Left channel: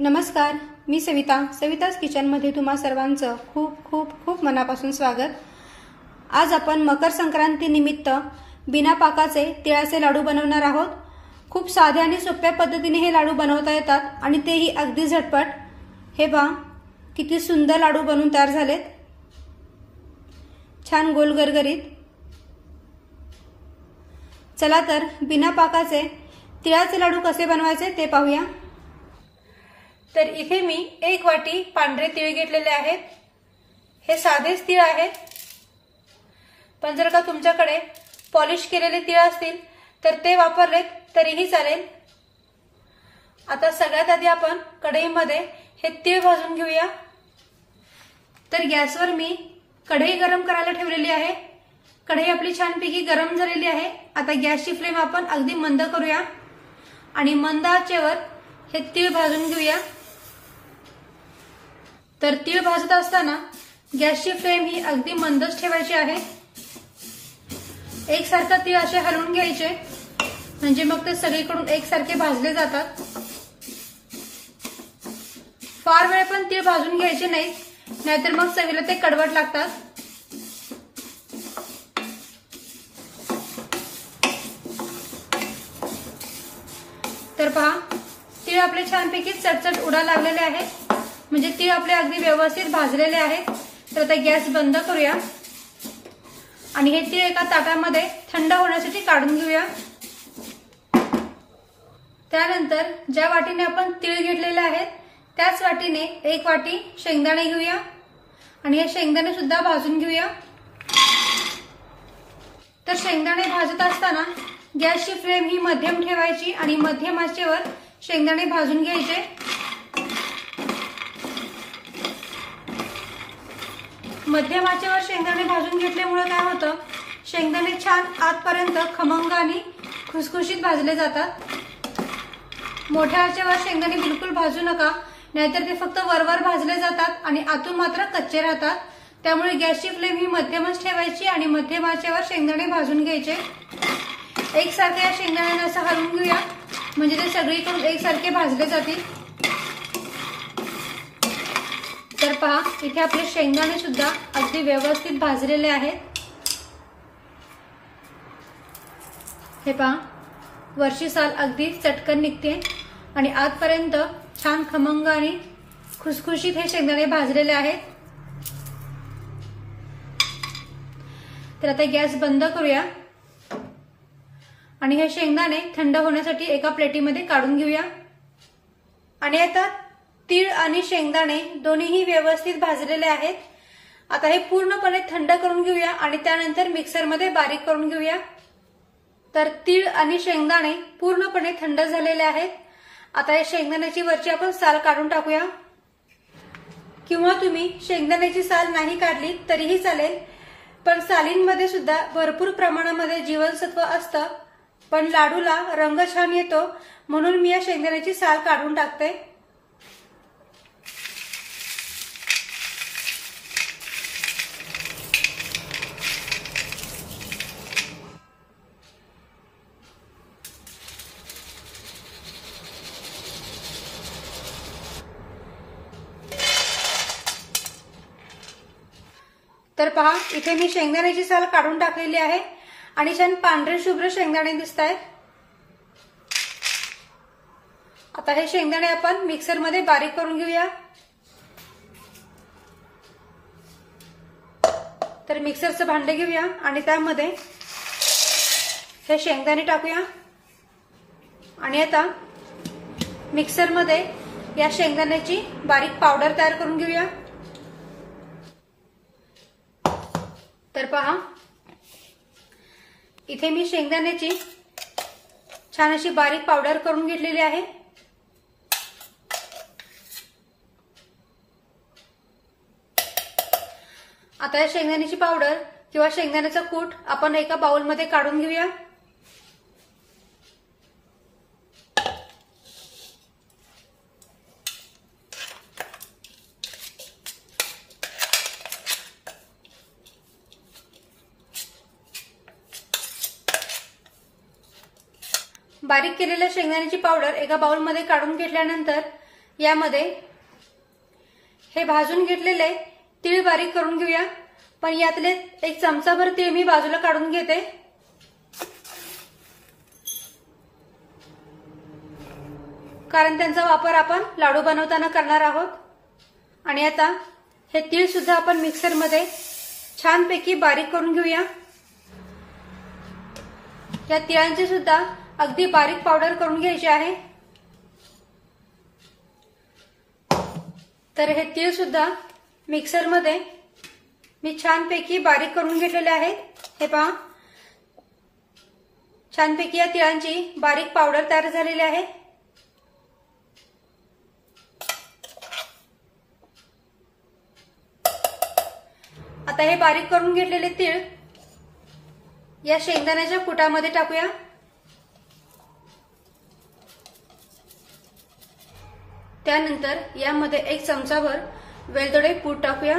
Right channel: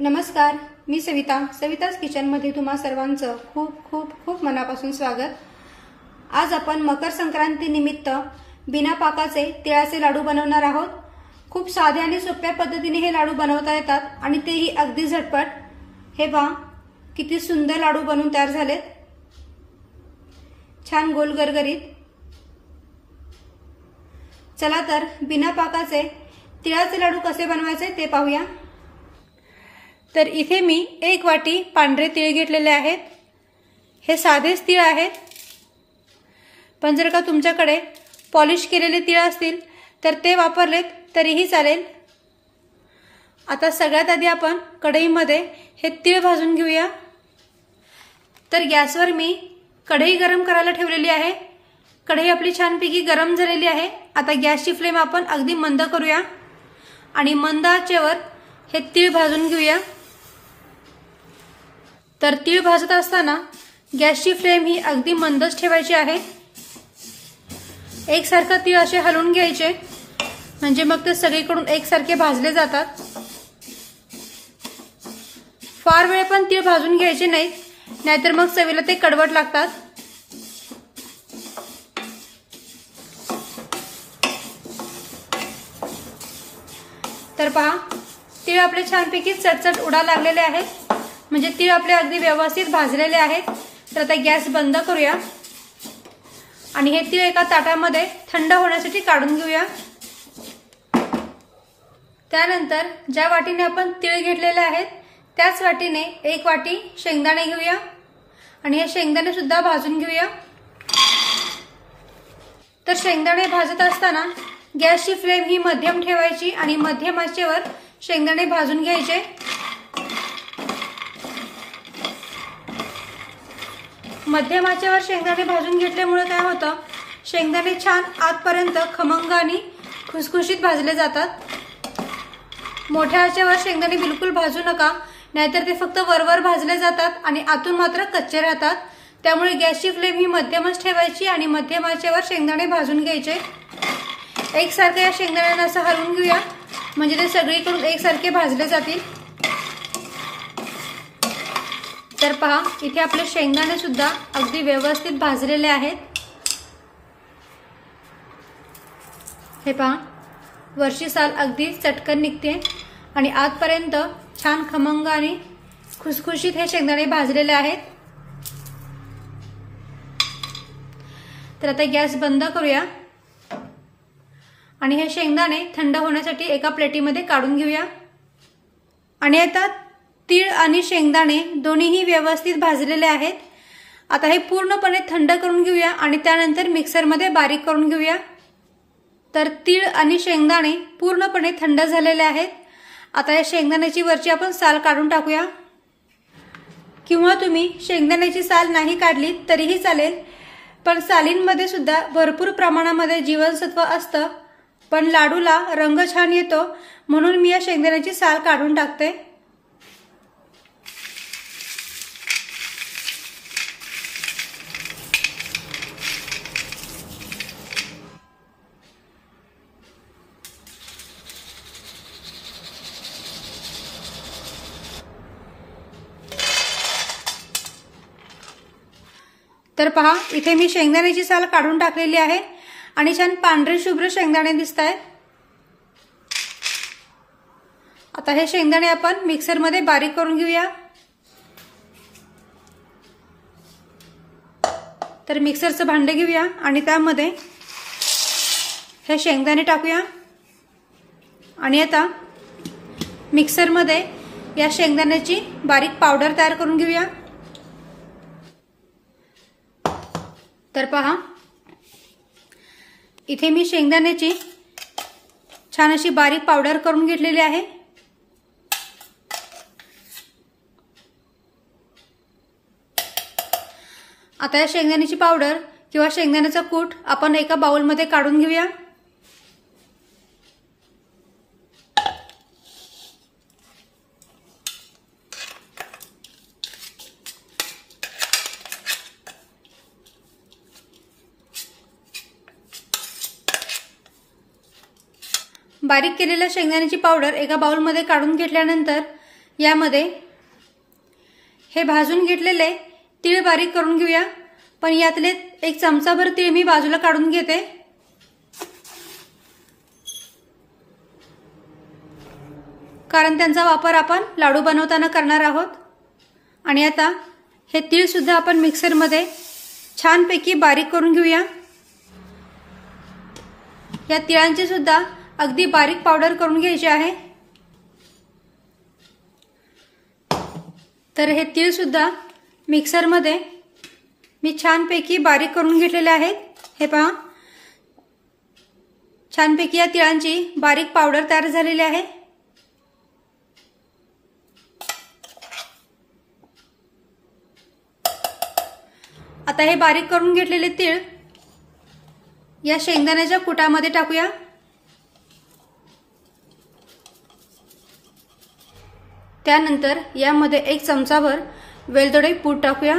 नमस्कार, मी सविता's किचनमध्ये तुम्हा सर्वांचं खूप खूप खूप मनापासून स्वागत। आज आपण मकर संक्रांती निमित्त बिना पाकाचे तिळाचे लाडू बनवणार आहोत। खूप साध्या आणि सोप्या पद्धतीने हे लाडू बनवता येतात आणि तेही अगदी झटपट। हे पहा किती सुंदर लाडू बनून तयार झालेत, छान गोल गरगरीत। चला तर बिना पाकाचे तिळाचे लाडू कसे बनवायचे ते पाहूया। तर इथे मी 1 वाटी पांढरे तीळ घेतलेले आहेत। हे साधेच तीळ आहेत, पण जर का तुमच्याकडे पॉलिश केलेले तीळ असतील तर ते वापरलेत तरीही चालेल। आता सगळ्यात आधी आपण कढईमध्ये हे तीळ भाजून घेऊया। तर गॅसवर मी कढई गरम करायला ठेवलेली आहे। कढई आपली छानपैकी गरम झालेली आहे। आता गॅसची फ्लेम आपण अगदी मंद करूया आणि मंद आचेवर हे तीळ भाजून घेऊया। तर तीळ भाजत असताना गॅसची फ्लेम ही अगदी मंदच ठेवायची आहे। एकसारखं तीळ असे हलवून घ्यायचे, म्हणजे मग ते सगळीकडून एकसारखे भाजले जातात। फार वेळ पण तीळ भाजून घ्यायचे नाही, नाहीतर मग चवीला ते कडवट लागतात। तर पहा, तीळ आपले छानपैकी चटचट उडा लागलेले आहेत, म्हणजे तीळ आपले अगदी व्यवस्थित भाजलेले आहेत। तर आता गॅस बंद करूया आणि हे तीळ एका ताटामध्ये थंड होण्यासाठी काढून घेऊया। त्यानंतर ज्या वाटीने आपण तीळ घेतलेले आहेत त्याच वाटीने 1 वाटी शेंगदाणे घेऊया आणि हे शेंगदाणे सुद्धा भाजून घेऊया। तर शेंगदाणे भाजत असताना गॅसची फ्लेम ही मध्यम ठेवायची आणि मध्यम आचेवर शेंगदाणे भाजून घ्यायचे। मध्यम आचेवर शेंगदाणे भाजून घेतल्यामुळे काय होतं, शेंगदाणे छान आतपर्यंत खमंग आणि खुसखुशीत भाजले जातात। मोठ्या आचेवर शेंगदाणे बिलकुल भाजू नका, नाहीतर ते फक्त वरवर भाजले जातात आणि आतून मात्र कच्चे राहतात। त्यामुळे गॅसची फ्लेम ही मध्यमच ठेवायची आणि मध्यम आचेवर शेंगदाणे भाजून घ्यायचे। एकसारखे या शेंगदाण्यांना असं हलवून घेऊया, म्हणजे ते सगळीकडून एकसारखे भाजले जातील। तर पहा, इथे आपले शेंगदाणे सुद्धा अगदी व्यवस्थित भाजलेले आहेत। हे पहा, वरची साल अगदी चटकन निघते आणि आतपर्यंत छान खमंग आणि खुसखुशीत हे शेंगदाणे भाजलेले आहेत। तर आता गॅस बंद करूया आणि हे शेंगदाणे थंड होण्यासाठी एका प्लेटीमध्ये काढून घेऊया। आणि आता तीळ आणि शेंगदाणे दोन्हीही व्यवस्थित भाजलेले आहेत। आता हे पूर्णपणे थंड करून घेऊया आणि त्यानंतर मिक्सरमध्ये बारीक करून घेऊया। तर तीळ आणि शेंगदाणे पूर्णपणे थंड झालेले आहेत। आता या शेंगदाण्याची वरची आपण साल काढून टाकूया, किंवा तुम्ही शेंगदाण्याची साल नाही काढली तरीही चालेल, पण सालींमध्ये सुद्धा भरपूर प्रमाणामध्ये जीवनसत्व असतं, पण लाडूला रंग छान येतो म्हणून मी या शेंगदाण्याची साल काढून टाकते। तर पहा, इथे मी शेंगदाण्याची साल काढून टाकलेली आहे आणि छान पांढरे शुभ्र शेंगदाणे दिसतायत। आता हे शेंगदाणे आपण मिक्सरमध्ये बारीक करून घेऊया। तर मिक्सरचं भांडे घेऊया आणि त्यामध्ये हे शेंगदाणे टाकूया आणि आता मिक्सरमध्ये या शेंगदाण्याची बारीक पावडर तयार करून घेऊया। तर पहा, इथे मी शेंगदाण्याची छान अशी बारीक पावडर करून घेतलेली आहे। आता या शेंगदाण्याची पावडर किंवा शेंगदाण्याचा कूट आपण एका बाउलमध्ये काढून घेऊया। बारीक केलेल्या शेंगदाण्याची पावडर एका बाउलमध्ये काढून घेतल्यानंतर यामध्ये हे भाजून घेतलेले तीळ बारीक करून घेऊया। पण यातले एक चमचाभर तीळ मी बाजूला काढून घेते, कारण त्यांचा वापर आपण लाडू बनवताना करणार आहोत। आणि आता हे तीळ सुद्धा आपण मिक्सरमध्ये छानपैकी बारीक करून घेऊया। या तिळांची सुद्धा अगदी बारीक पावडर करून घ्यायची आहे। तर हे तीळ सुद्धा मिक्सरमध्ये मी छानपैकी बारीक करून घेतलेले आहेत। हे पहा, छानपैकी या तिळांची बारीक पावडर तयार झालेली आहे। आता हे बारीक करून घेतलेले तीळ या शेंगदाण्याच्या कुटामध्ये टाकूया। त्यानंतर यामध्ये एक चमचाभर वेलदोडे पूड टाकूया।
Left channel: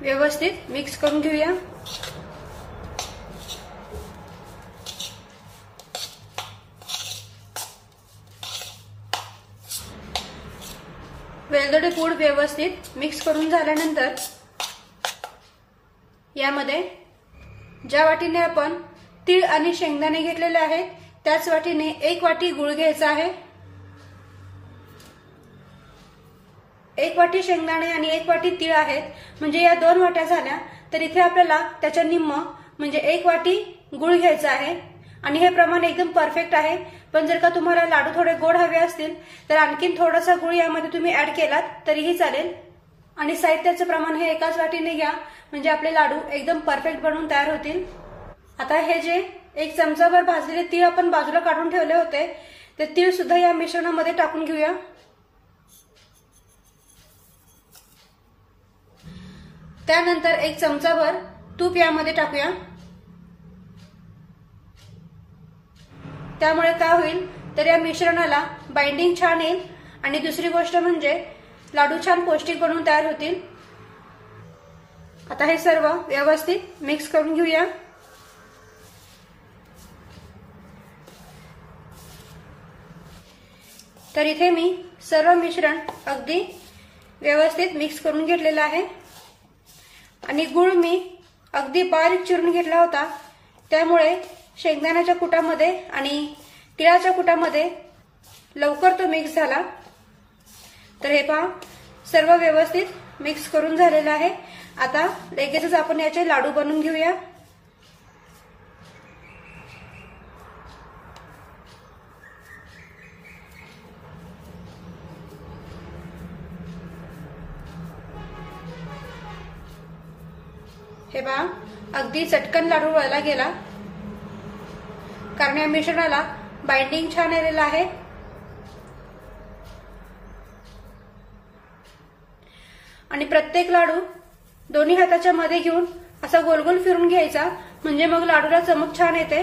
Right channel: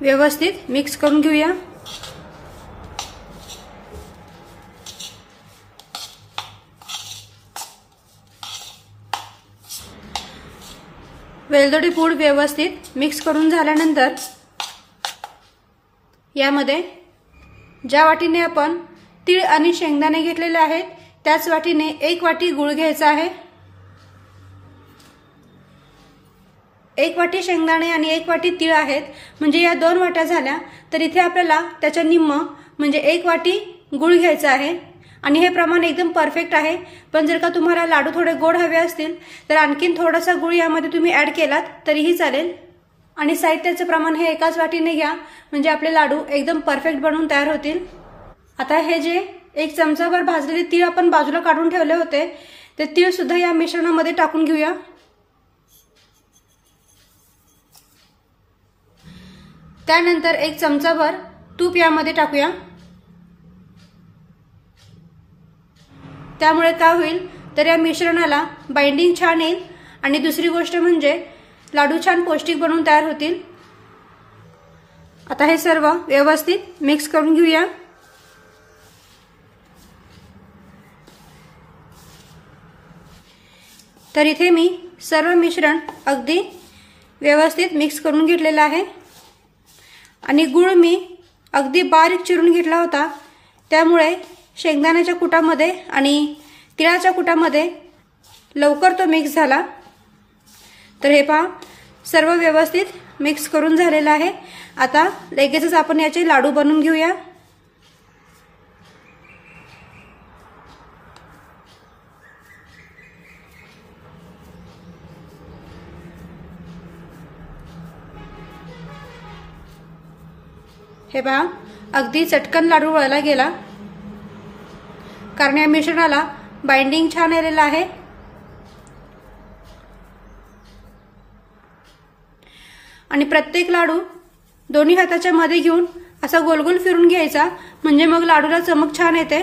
व्यवस्थित मिक्स करून घेऊया। वेलदोडे पूड व्यवस्थित मिक्स करून झाल्यानंतर यामध्ये ज्या वाटीने आपण तीळ आणि शेंगदाणे घेतलेले आहेत त्याच वाटीने 1 वाटी गूळ घ्यायचा आहे। 1 वाटी शेंगदाणे आणि 1 वाटी तीळ आहेत, म्हणजे या 2 वाट्या झाल्या। तर इथे आपल्याला त्याच्या निम्म म्हणजे 1 वाटी गूळ घ्यायचा आहे। आणि हे प्रमाण एकदम परफेक्ट आहे। पण जर का तुम्हाला लाडू थोडे गोड हवे असतील तर आणखीन थोडासा गूळ यामध्ये तुम्ही ऍड केलात तरीही चालेल। आणि साहित्याचे प्रमाण हे एकाच वाटीने घ्या, म्हणजे आपले लाडू एकदम परफेक्ट बनवून तयार होतील। आता हे जे 1 चमचाभर भाजलेले तीळ आपण बाजूला काढून ठेवले होते ते तीळ सुद्धा या मिश्रणामध्ये टाकून घेऊया। त्यानंतर 1 चमचाभर तूप यामध्ये टाकूया। त्यामुळे काय होईल तर या मिश्रणाला बाइंडिंग छान येईल आणि दुसरी गोष्ट म्हणजे लाडू छान पौष्टिक बनवून तयार होतील। आता हे सर्व व्यवस्थित मिक्स करून घेऊया। तर इथे मी सर्व मिश्रण अगदी व्यवस्थित मिक्स करून घेतलेलं आहे। आणि गूळ मी अगदी बारीक चिरून घेतला होता, त्यामुळे शेंगदाण्याच्या कुटामध्ये आणि तिळाच्या कुटामध्ये लवकर तो मिक्स झाला। तर हे पहा, सर्व व्यवस्थित मिक्स करून झालेलं आहे। आता लगेचच आपण याचे लाडू बनवून घेऊया। हे पहा, अगदी चटकन लाडू वळला गेला, कारण या मिश्रणाला बाइंडिंग छान आलेलं आहे। आणि प्रत्येक लाडू दोन्ही हाताच्या मध्ये घेऊन असा गोल गोल फिरून घ्यायचा, म्हणजे मग लाडूला चमक छान येते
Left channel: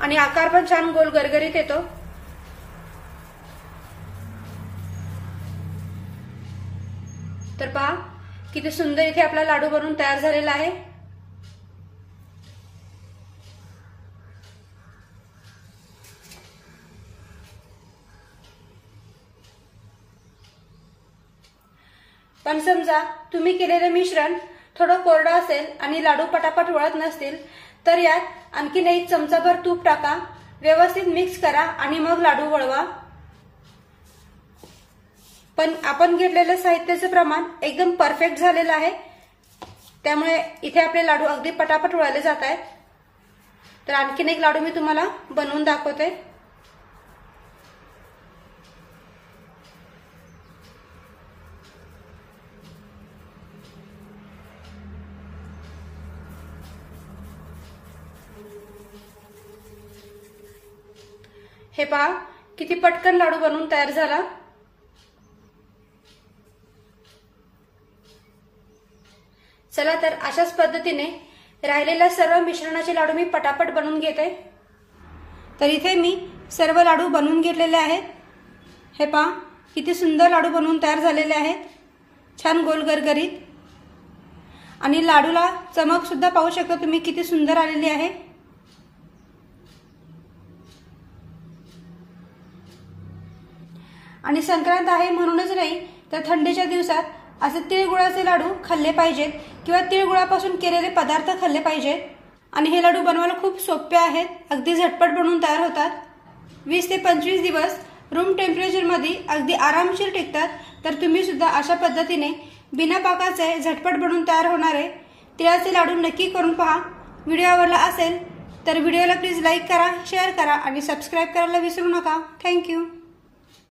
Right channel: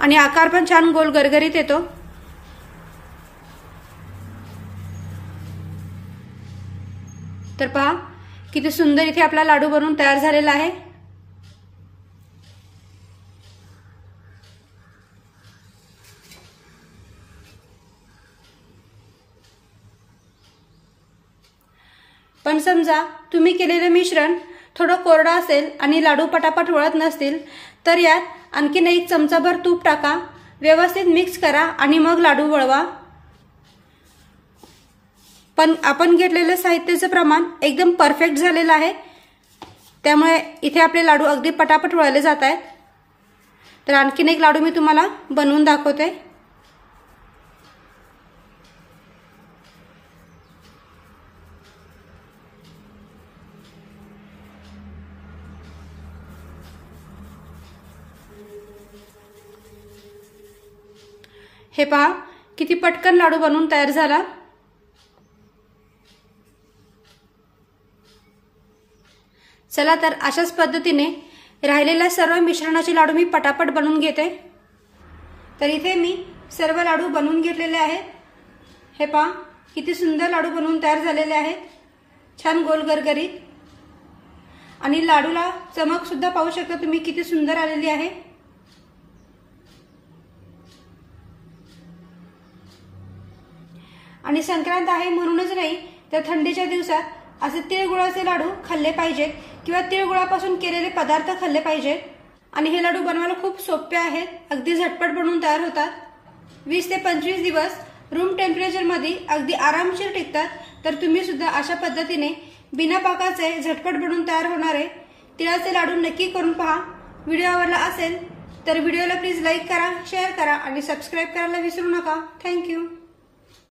आणि आकार पण छान गोल गरगरीत येतो। तर पहा किती सुंदर इथे आपला लाडू बनवून तयार झालेला आहे। पण समजा तुम्ही केलेले मिश्रण थोडं कोरडं असेल आणि लाडू पटापट वळत नसतील तर यात आणखीन 1 चमचाभर तूप टाका, व्यवस्थित मिक्स करा आणि मग लाडू वळवा। पण आपण घेतलेले साहित्याचे प्रमाण एकदम परफेक्ट झालेलं आहे, त्यामुळे इथे आपले लाडू अगदी पटापट वळले जात आहेत। तर आणखीन एक लाडू मी तुम्हाला बनवून दाखवते। हे पहा किती पटकन लाडू बनवून तयार झाला। चला तर अशाच पद्धतीने राहिलेल्या सर्व मिश्रणाचे लाडू मी पटापट बनवून घेते। तर इथे मी सर्व लाडू बनवून घेतलेले आहेत। हे पहा किती सुंदर लाडू बनवून तयार झालेले आहेत, छान गोल गरगरीत। आणि लाडूला चमक सुद्धा पाहू शकता तुम्ही किती सुंदर आलेली आहे। आणि संक्रांत आहे म्हणूनच नाही तर थंडीच्या दिवसात असे तिळगुळाचे लाडू खाल्ले पाहिजेत किंवा तिळगुळापासून केलेले पदार्थ खाल्ले पाहिजेत। आणि हे लाडू बनवायला खूप सोपे आहेत, अगदी झटपट बनवून तयार होतात। 20 ते 25 दिवस रूम टेम्परेचरमध्ये अगदी आरामशीर टिकतात। तर तुम्ही सुद्धा अशा पद्धतीने बिना पाकाचे झटपट बनवून तयार होणारे तिळाचे लाडू नक्की करून पहा। व्हिडिओ आवडला असेल तर व्हिडिओला प्लीज लाईक करा, शेअर करा आणि सबस्क्राईब करायला विसरू नका। थँक्यू।